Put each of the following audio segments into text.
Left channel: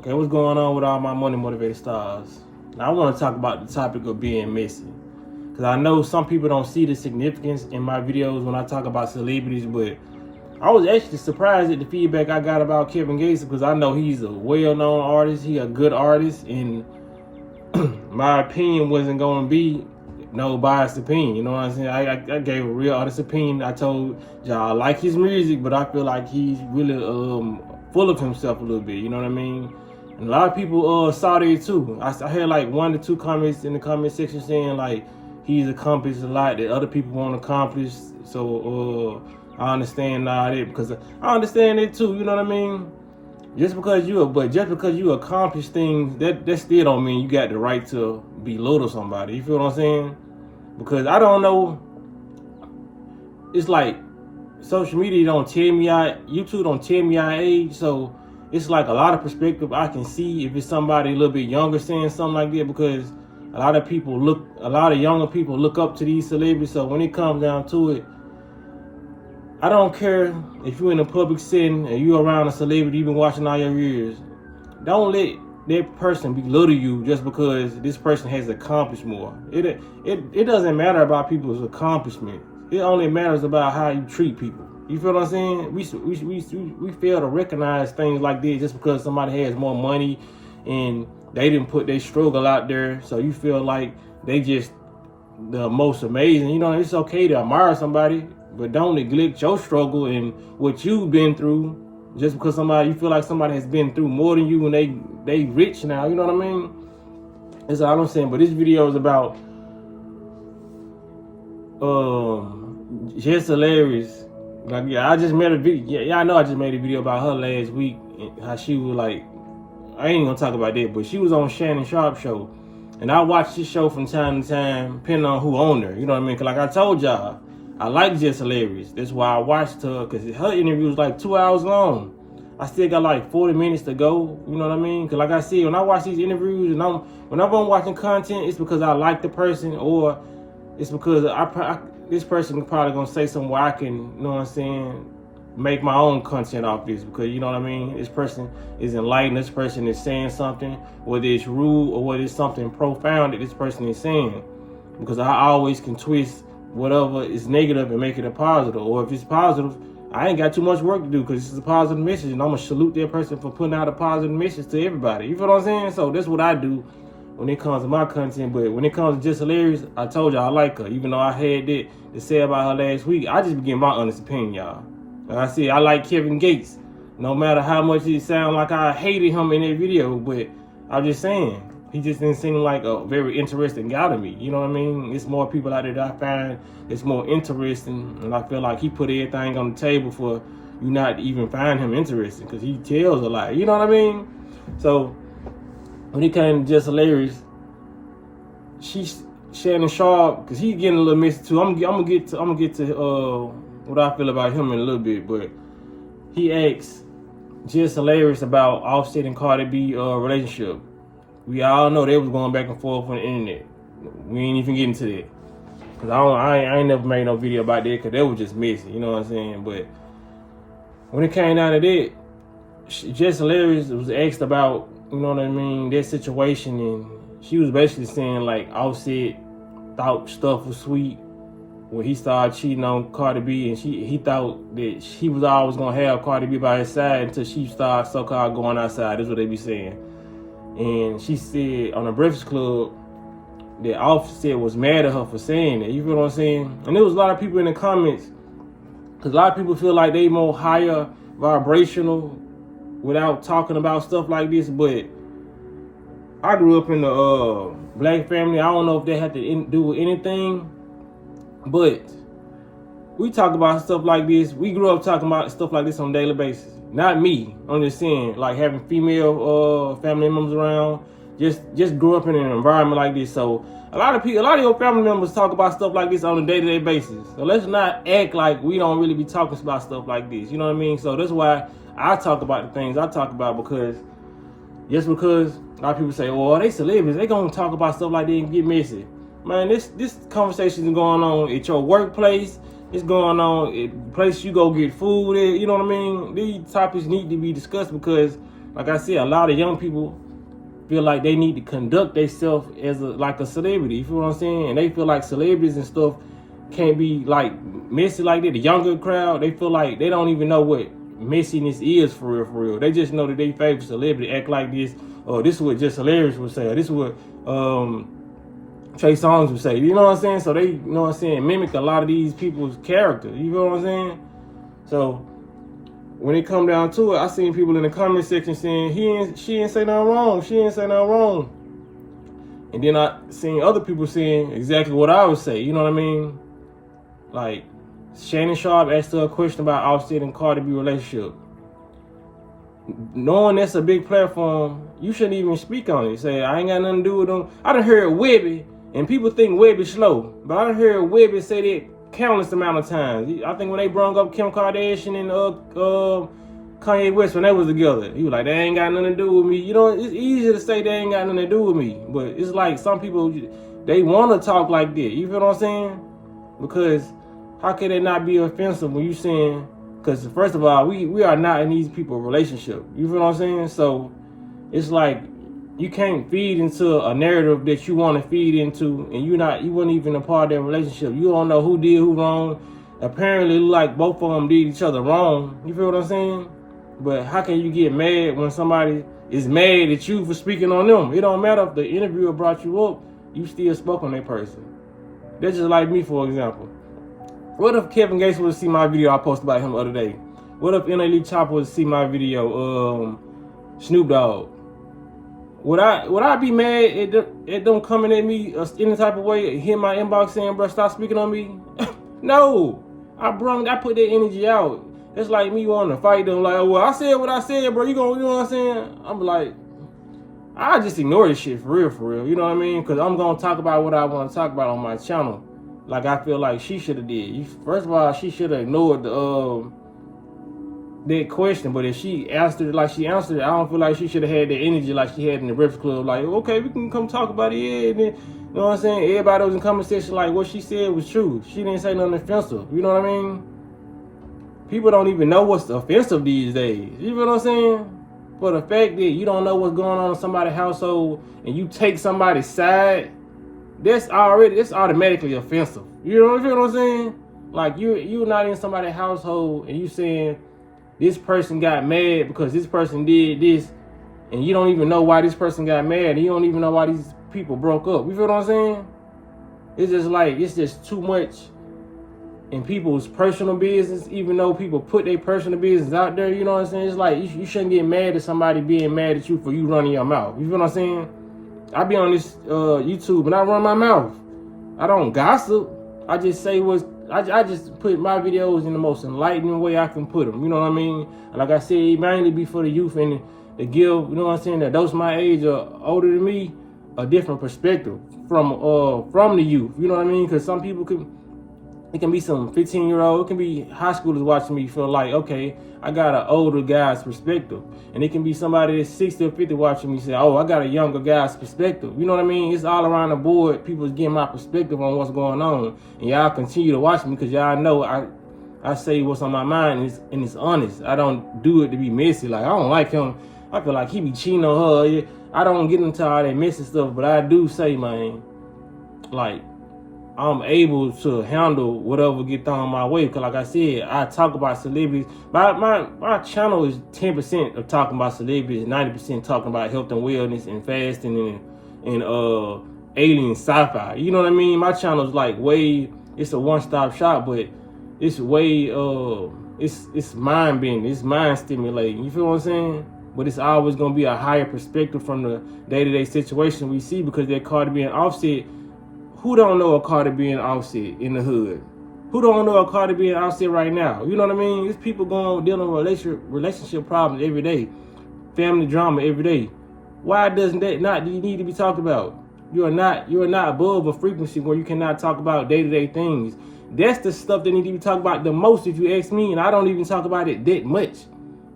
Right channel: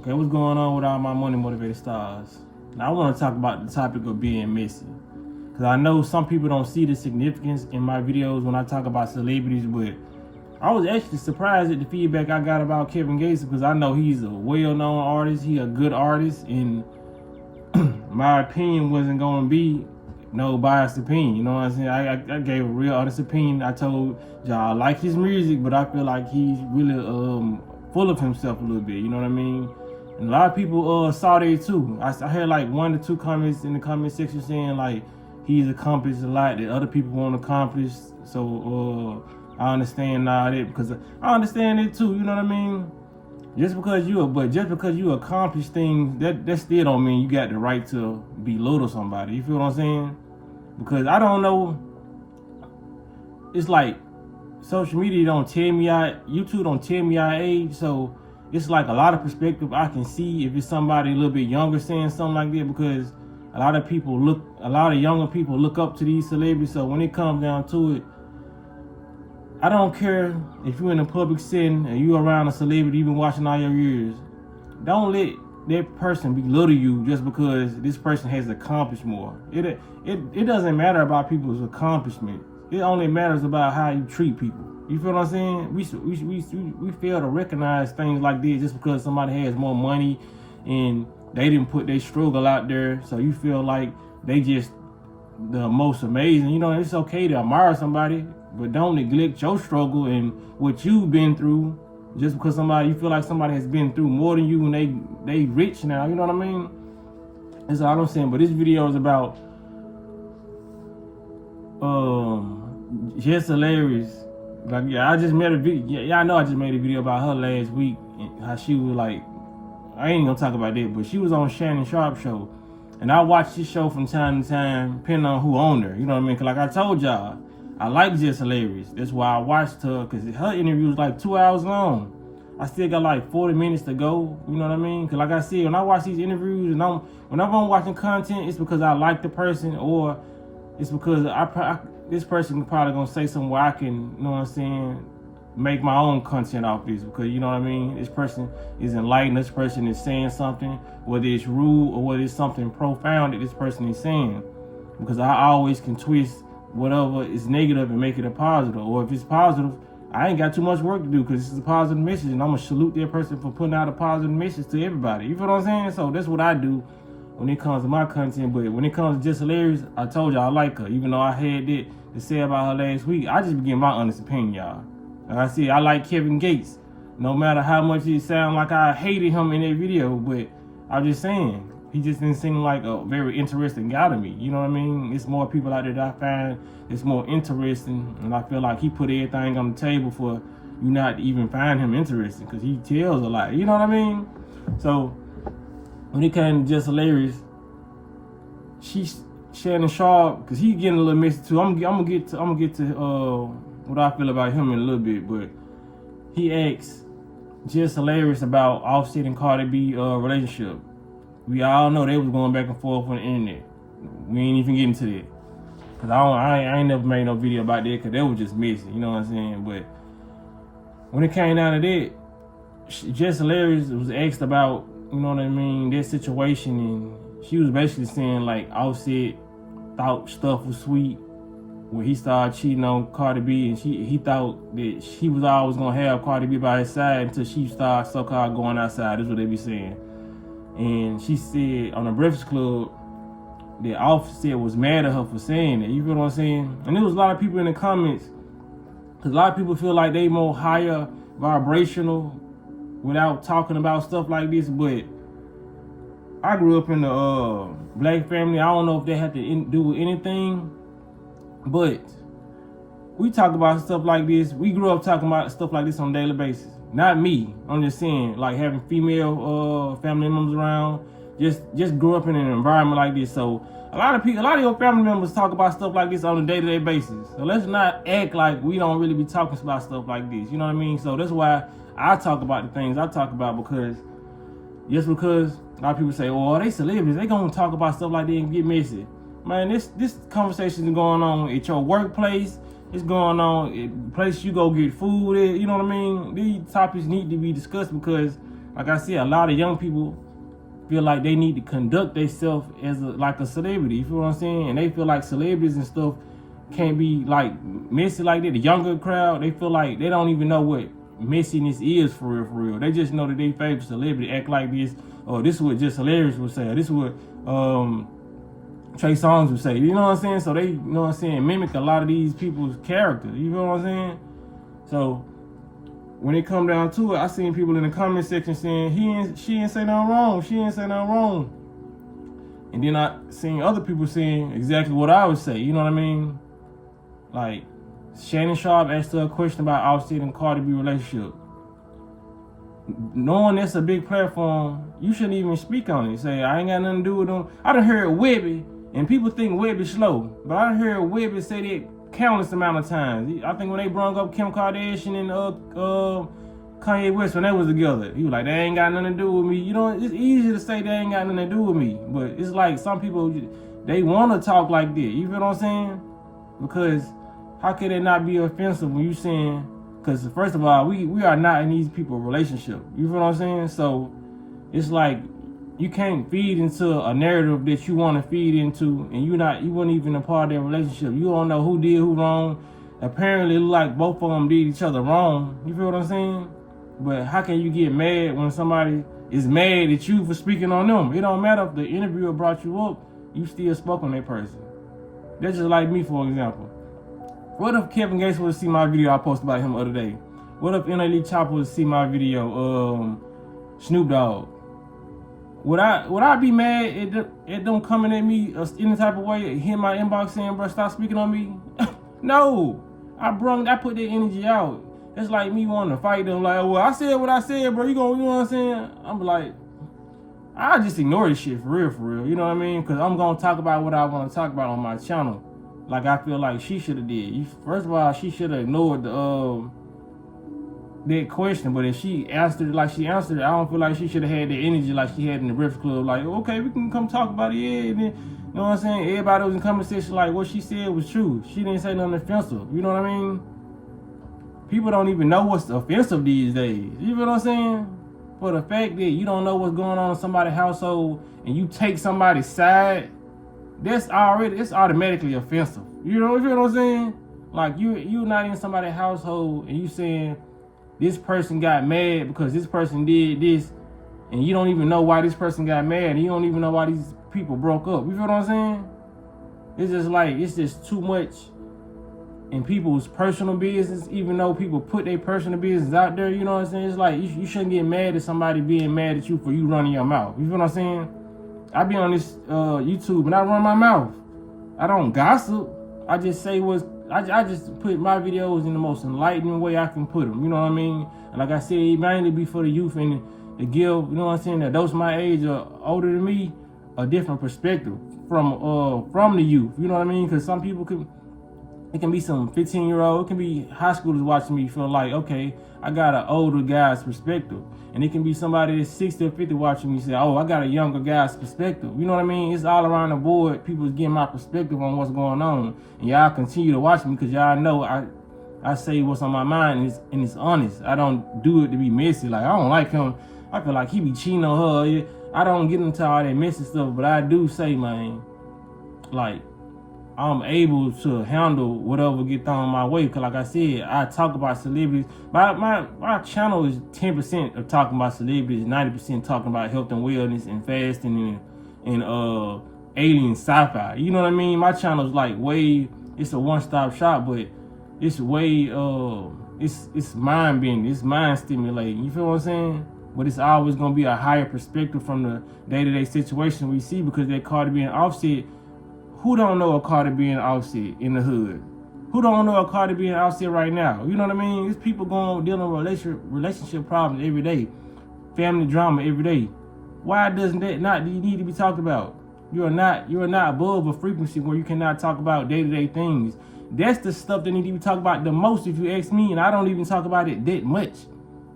Okay, what's going on with all my money motivated stars? Now I want to talk about the topic of being messy, because I know some people don't see the significance in my videos when I talk about celebrities, but I was actually surprised at the feedback I got about Kevin Gates, because I know he's a well-known artist, he a good artist, and my opinion wasn't going to be no biased opinion, you know what I'm saying? I gave a real honest opinion. I told y'all I like his music, but I feel like he's really full of himself a little bit, you know what I mean? And a lot of people saw that too. I had like 1 to 2 comments in the comment section saying like he's accomplished a lot that other people won't accomplish. So I understand now that, because I understand it too, you know what I mean? Just because you accomplish things, that still don't mean you got the right to belittle somebody. You feel what I'm saying? Because I don't know. It's like social media don't tell me YouTube don't tell me our age, so it's like a lot of perspective I can see if it's somebody a little bit younger saying something like that, because a lot of younger people look up to these celebrities. So when it comes down to it, I don't care if you're in a public setting and you're around a celebrity you've been watching all your years. Don't let that person belittle you just because this person has accomplished more. It doesn't matter about people's accomplishment. It only matters about how you treat people. You feel what I'm saying? We fail to recognize things like this just because somebody has more money and they didn't put their struggle out there. So you feel like they just the most amazing. You know, it's okay to admire somebody, but don't neglect your struggle and what you've been through just because you feel like somebody has been through more than you and they rich now. You know what I mean? That's all I'm saying. But this video is about just hilarious. Like, yeah, I just made a video. Yeah, I know I just made a video about her last week, how she was like, I ain't gonna talk about that, but she was on Shannon Sharp show. And I watch this show from time to time, depending on who owned her. You know what I mean? Because like I told y'all, I like Just Hilarious. That's why I watched her, because her interview was like 2 hours long. I still got like 40 minutes to go. You know what I mean? Because like I said, when I watch these interviews, and whenever I'm watching content, it's because I like the person, or it's because this person probably going to say something where I can, you know what I'm saying, make my own content off this, because you know what I mean, this person is enlightened, this person is saying something, whether it's rude or whether it's something profound that this person is saying, because I always can twist whatever is negative and make it a positive, or if it's positive, I ain't got too much work to do because this is a positive message, and I'm gonna salute that person for putting out a positive message to everybody. You feel what I'm saying? So that's what I do when it comes to my content. But when it comes to Just Hilarious, I told y'all I like her, even though I had that to say about her last week. I just be getting my honest opinion, y'all. Like I said, I like Kevin Gates, no matter how much it sound like I hated him in that video, but I'm just saying, he just didn't seem like a very interesting guy to me. You know what I mean? It's more people out there that I find it's more interesting, and I feel like he put everything on the table for you not to even find him interesting, because he tells a lot. You know what I mean? So when it came to Just Hilarious, she's Shannon Sharp, because he's getting a little messy too. I'm gonna get to what I feel about him in a little bit, but he asked Just Hilarious about Offset and Cardi B relationship. We all know they was going back and forth on the internet. We ain't even getting to that, because I ain't never made no video about that, because that was just messy, you know what I'm saying? But when it came down to that, Just Hilarious was asked about, you know what I mean, that situation, and she was basically saying like Offset thought stuff was sweet when he started cheating on Cardi B, and he thought that he was always gonna have Cardi B by his side until she started so-called going outside. That's what they be saying. And she said on the Breakfast Club that Offset was mad at her for saying that. You feel what I'm saying? And there was a lot of people in the comments, because a lot of people feel like they more higher vibrational without talking about stuff like this. But I grew up in the black family. I don't know if they had to do with anything, but we talk about stuff like this. We grew up talking about stuff like this on a daily basis. Not me. I'm just saying, like having female family members around. Just grew up in an environment like this. So a lot of your family members talk about stuff like this on a day-to-day basis. So let's not act like we don't really be talking about stuff like this. You know what I mean? So that's why I talk about the things I talk about, because just because a lot of people say, oh, they celebrities, they gonna talk about stuff like that and get messy. Man, this conversation is going on at your workplace. It's going on at the place you go get food at. You know what I mean? These topics need to be discussed, because like I said, a lot of young people feel like they need to conduct themselves as like a celebrity. You feel what I'm saying? And they feel like celebrities and stuff can't be like messy like that. The younger crowd, they feel like they don't even know what messiness is for real, for real. They just know that they favorite celebrity act like this, or this is what Just Hilarious would say, or this is what Trey Songz would say. You know what I'm saying? So they, you know what I'm saying, mimic a lot of these people's characters. You feel what I'm saying? So when it come down to it, I seen people in the comment section saying she ain't say nothing wrong. She ain't say nothing wrong. And then I seen other people saying exactly what I would say. You know what I mean? Like, Shannon Sharpe asked her a question about Offset and Cardi B relationship. Knowing that's a big platform, you shouldn't even speak on it. Say, I ain't got nothing to do with them. I done heard Webby, and people think Webby slow, but I done heard Webby say that countless amount of times. I think when they brought up Kim Kardashian and Kanye West when they was together, he was like, they ain't got nothing to do with me. You know, it's easy to say they ain't got nothing to do with me, but it's like some people, they want to talk like that. You feel what I'm saying? Because how can it not be offensive when you saying, because first of all, we are not in these people's relationship. You feel what I'm saying? So it's like you can't feed into a narrative that you want to feed into, and you weren't even a part of that relationship. You don't know who did who wrong. Apparently, like both of them did each other wrong. You feel what I'm saying? But how can you get mad when somebody is mad at you for speaking on them? It don't matter if the interviewer brought you up, you still spoke on that person. That's just like me, for example. What if Kevin Gates would see my video I posted about him the other day? What if NLE Chopper would see my video, Snoop Dogg? Would I be mad at them coming at me any type of way, hit my inbox saying, bro, stop speaking on me? No. I put that energy out. It's like me wanting to fight them, like, well, I said what I said, bro. You know what I'm saying? I'm like, I just ignore this shit for real. You know what I mean? Because I'm going to talk about what I want to talk about on my channel. Like I feel like she should have did. First of all, she should have ignored that question. But if she answered it like she answered it, I don't feel like she should have had that energy like she had in the Breakfast Club. Like, okay, we can come talk about it. Yeah, and then, you know what I'm saying? Everybody was in comment section like what she said was true. She didn't say nothing offensive. You know what I mean? People don't even know what's offensive these days. You know what I'm saying? For the fact that you don't know what's going on in somebody's household and you take somebody's side, it's automatically offensive. You know what I'm saying? Like you're not in somebody's household and you saying this person got mad because this person did this, and you don't even know why this person got mad, and you don't even know why these people broke up. You feel what I'm saying? It's just too much in people's personal business, even though people put their personal business out there. You know what I'm saying? It's like you shouldn't get mad at somebody being mad at you for you running your mouth. You feel what I'm saying? I be on this YouTube and I run my mouth. I don't gossip. I just say I just put my videos in the most enlightening way I can put them. You know what I mean? And like I said, it mainly be for the youth and to give, you know what I'm saying, that those my age or older than me, a different perspective from the youth. You know what I mean? Because some people it can be some 15-year-old, it can be high schoolers watching me feel like, okay, I got an older guy's perspective. And it can be somebody that's 60 or 50 watching me say, oh, I got a younger guy's perspective. You know what I mean? It's all around the board. People's getting my perspective on what's going on. And y'all continue to watch me because y'all know I say what's on my mind and it's honest. I don't do it to be messy. Like, I don't like him. I feel like he be cheating on her. I don't get into all that messy stuff, but I do say, man, like, I'm able to handle whatever get thrown my way. Cause like I said, I talk about celebrities. My channel is 10% of talking about celebrities, 90% talking about health and wellness and fasting and alien sci-fi. You know what I mean? My channel is like it's a one-stop shop, but it's way it's mind bending, it's mind stimulating. You feel what I'm saying? But it's always gonna be a higher perspective from the day-to-day situation we see, because that Cardi B and Offset. Who don't know a Cardi B and Offset in the hood? Who don't know a Cardi B and Offset right now? You know what I mean? There's people dealing with relationship problems every day, family drama every day. Why doesn't that not need to be talked about? You're not above a frequency where you cannot talk about day-to-day things. That's the stuff that need to be talked about the most, if you ask me, and I don't even talk about it that much.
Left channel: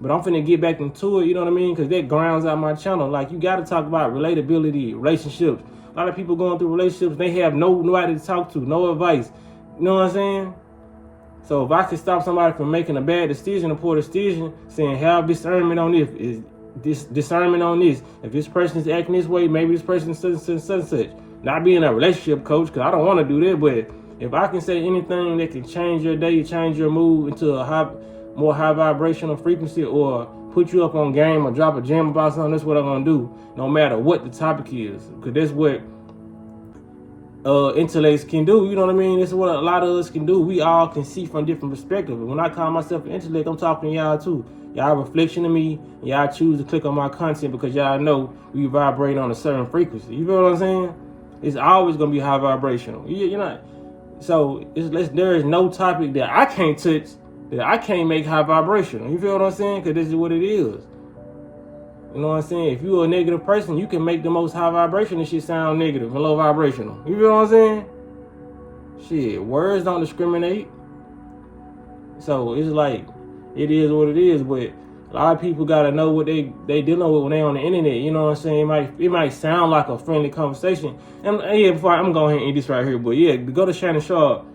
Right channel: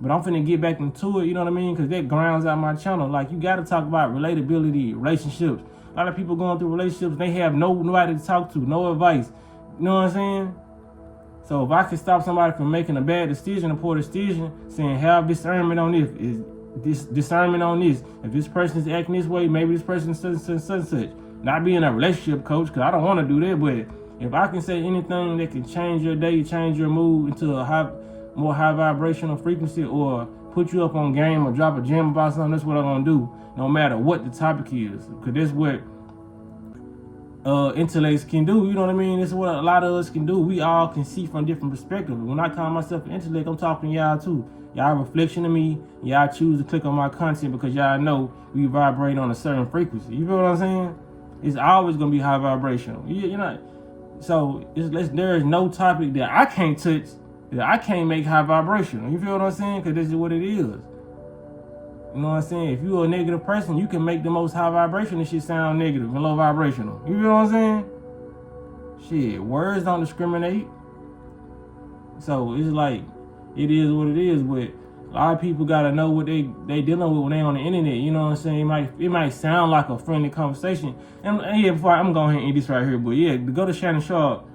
But I'm finna get back into it, you know what I mean? Because that grounds out my channel. Like, you got to talk about relatability, relationships. A lot of people going through relationships, they have nobody to talk to, no advice. You know what I'm saying? So if I could stop somebody from making a bad decision, a poor decision, saying have discernment on this, is this discernment on this. If this person is acting this way, maybe this person is such. Not being a relationship coach, because I don't want to do that, but if I can say anything that can change your day, change your mood into a more high vibrational frequency, or put you up on game or drop a gem about something, that's what I'm going to do, no matter what the topic is. Because that's what intellects can do, you know what I mean? This is what a lot of us can do. We all can see from different perspectives. When I call myself an intellect, I'm talking to y'all too. Y'all a reflection of me. Y'all choose to click on my content because y'all know we vibrate on a certain frequency. You know what I'm saying? It's always gonna be high vibrational. You know, so there is no topic that I can't touch, that I can't make high vibrational. You feel what I'm saying? Because this is what it is. You know what I'm saying? If you're a negative person, you can make the most high vibrational shit sound negative and low vibrational. You feel what I'm saying? Shit, words don't discriminate. So it's like, it is what it is, but a lot of people gotta know what they dealing with when they on the internet. You know what I'm saying? It might sound like a friendly conversation. And yeah, before I'm going to end this right here, but yeah, to go to Shannon Sharpe,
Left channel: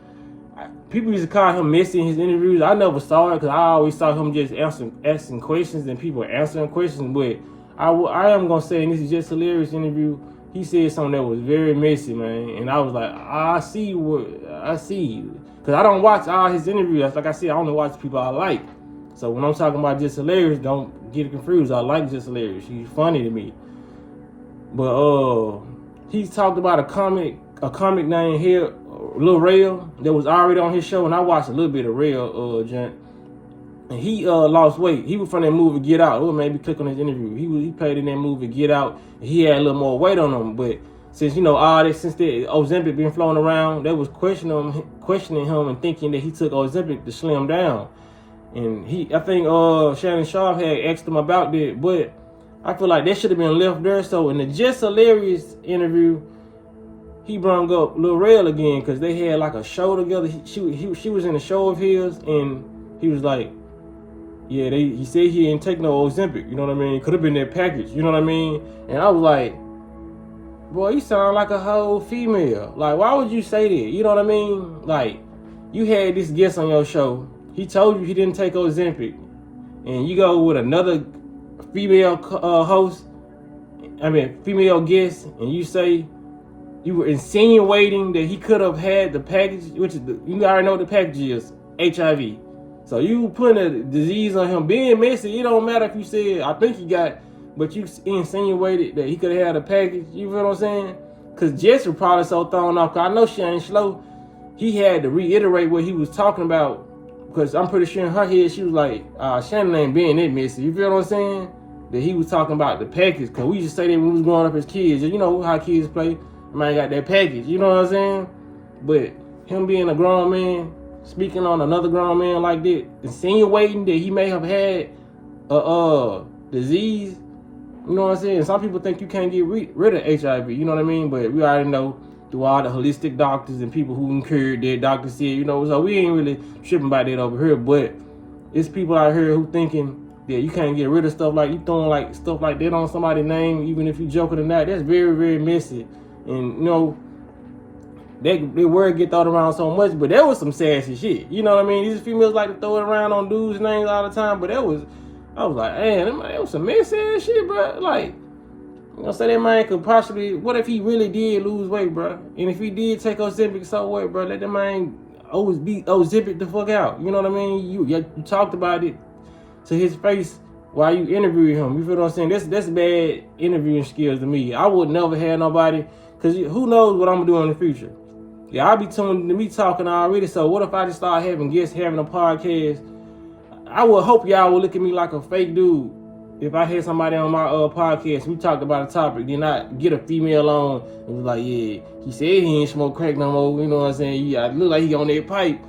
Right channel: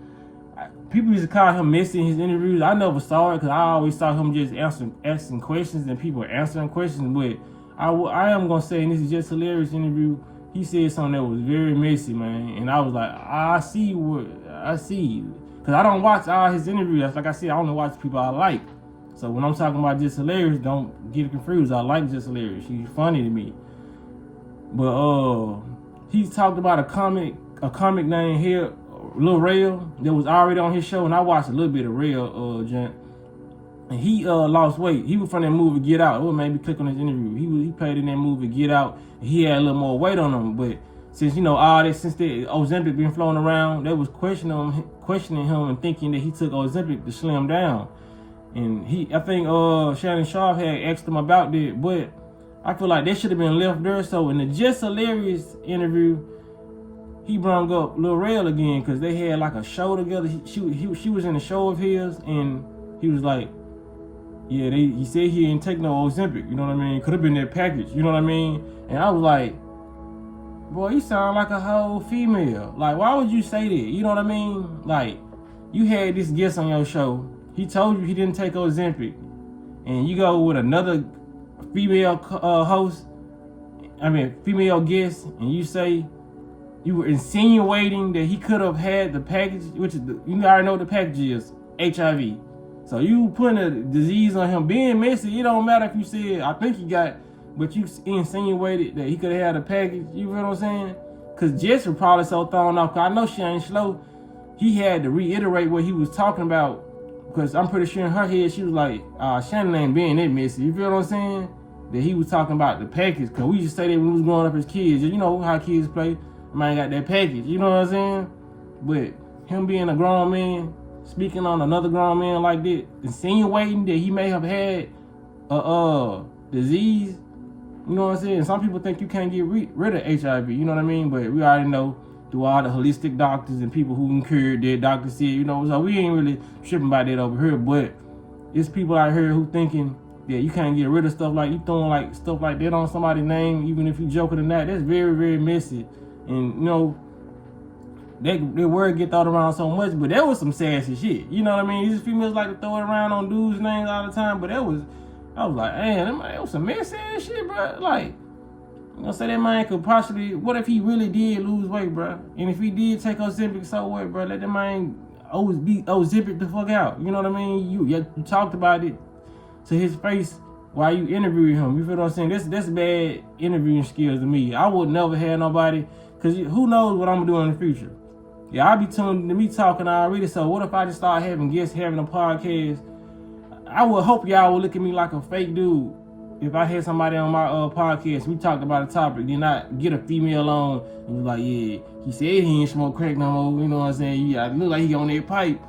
people used to call him messy in his interviews. I never saw it because I always saw him just asking questions and people answering questions. But I am gonna say, and this is just a hilarious interview, he said something that was very messy, man. And I was like, I see. Because I don't watch all his interviews. Like I said, I only watch people I like. So when I'm talking about Just Hilarious, don't get it confused. I like Just Hilarious. She's funny to me. But he talked about a comic named here, Lil Rel, that was already on his show, and I watched a little bit of Rel, gent. And he lost weight. He was from that movie Get Out. It would maybe click on his interview. He played in that movie Get Out. And he had a little more weight on him, but since all this, since the Ozempic been flown around, they was questioning him and thinking that he took Ozempic to slim down. And I think Shannon Sharpe had asked him about that, but I feel like that should have been left there. So in the Just Hilarious interview, he brought up Lil Rel again because they had like a show together. She was in a show of his, and he was like, yeah, he said he didn't take no Ozempic. You know what I mean? Could have been that package. You know what I mean? And I was like, boy, you sound like a whole female. Like, why would you say that? You know what I mean? Like, you had this guest on your show. He told you he didn't take Ozempic. And you go with another female female guest, and you say you were insinuating that he could have had the package, which is you already know what the package is, HIV. So you putting a disease on him being messy. It don't matter if you said, I think he got, but you insinuated that he could have had a package. You feel what I'm saying? Because Jess was probably so thrown off. Because I know she ain't slow. He had to reiterate what he was talking about. Because I'm pretty sure in her head, she was like, Shannon ain't being that messy. You feel what I'm saying? That he was talking about the package. Because we used to say that when we was growing up as kids. You know how kids play. Man got that package. You know what I'm saying? But him being a grown man, speaking on another grown man like that, insinuating that he may have had a disease. You know what I'm saying? Some people think you can't get rid of HIV. You know what I mean? But we already know through all the holistic doctors and people who cured that, doctors said, you know, so we ain't really tripping about that over here. But it's people out here who thinking that you can't get rid of stuff, like you throwing like stuff like that on somebody's name, even if you joking or not. That's very, very messy. And, you know, that word get thrown around so much, but that was some sassy shit. You know what I mean? These females like to throw it around on dudes' names all the time, but I was like, man, that was some messy ass shit, bro. Like, you know, say that man could possibly, what if he really did lose weight, bro? And if he did take Ozempic, so what, bro? Let that man always be Ozempic the fuck out. You know what I mean? You talked about it to his face while you interviewed him. You feel what I'm saying? That's bad interviewing skills to me. I would never have nobody, because who knows what I'm going to do in the future. Yeah, I'll be tuned to me talking already, so what if I just start having guests, having a podcast? I would hope y'all would look at me like a fake dude. If I had somebody on my podcast, we talked about a topic, then I get a female on and be like, yeah, he said he ain't smoke crack no more. You know what I'm saying? Yeah, I look like he on that pipe.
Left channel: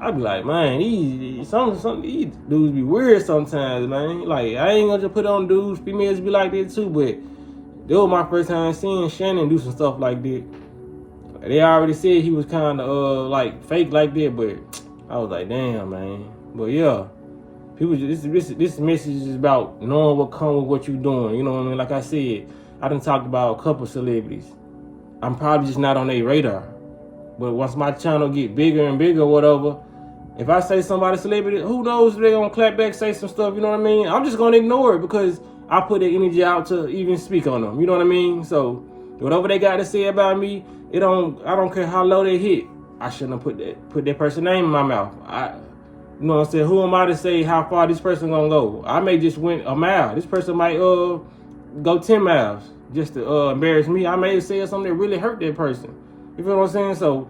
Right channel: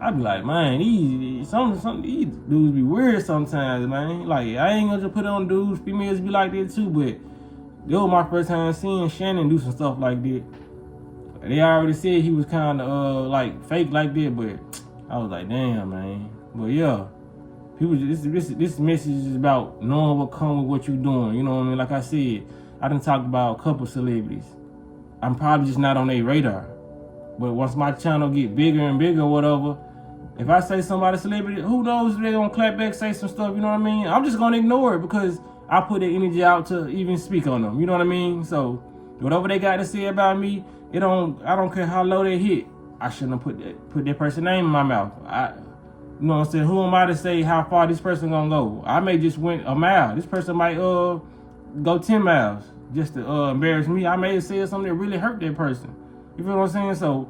I'd be like, man, these dudes be weird sometimes, man. Like, I ain't gonna just put it on dudes. Females be like that too, but that was my first time seeing Shannon do some stuff like that. They already said he was kind of like fake like that, but I was like, damn, man. But yeah, people, this message is about knowing what comes with what you're doing. You know what I mean? Like I said, I done talked about a couple celebrities. I'm probably just not on their radar. But once my channel get bigger and bigger or whatever, If I say somebody celebrity, who knows if they're gonna clap back, say some stuff, you know what I mean? I'm just gonna ignore it because I put the energy out to even speak on them, you know what I mean? So whatever they got to say about me, I don't care how low they hit. I shouldn't have put that person's name in my mouth. You know what I'm saying? Who am I to say how far this person gonna go? I may just went a mile. This person might go 10 miles just to embarrass me. I may have said something that really hurt that person. You feel what I'm saying? So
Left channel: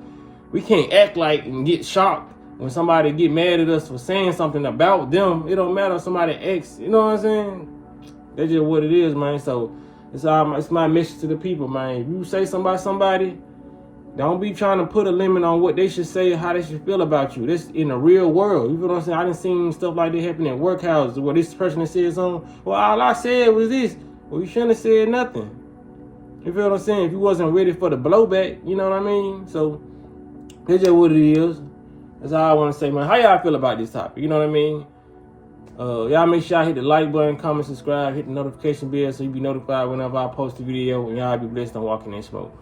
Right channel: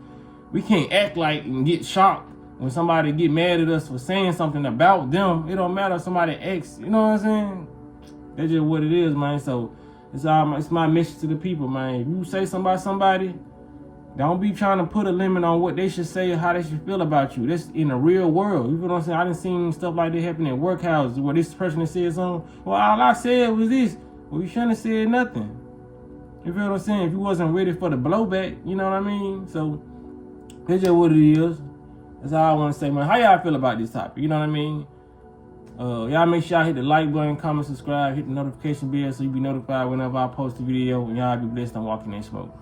we can't act like and get shocked when somebody get mad at us for saying something about them. It don't matter if somebody acts, you know what I'm saying? That's just what it is, man. So it's my message to the people, man. If you say something about somebody, don't be trying to put a limit on what they should say or how they should feel about you. This in the real world. You feel what I'm saying? I done seen stuff like that happen in workhouses where this person that said something, well, all I said was this. Well, you shouldn't have said nothing. You feel what I'm saying? If you wasn't ready for the blowback, you know what I mean? So that's just what it is. That's all I want to say, man. How y'all feel about this topic? You know what I mean? Y'all make sure y'all hit the like button, comment, subscribe, hit the notification bell so you be notified whenever I post a video, and y'all be blessed on Walking in Smoke.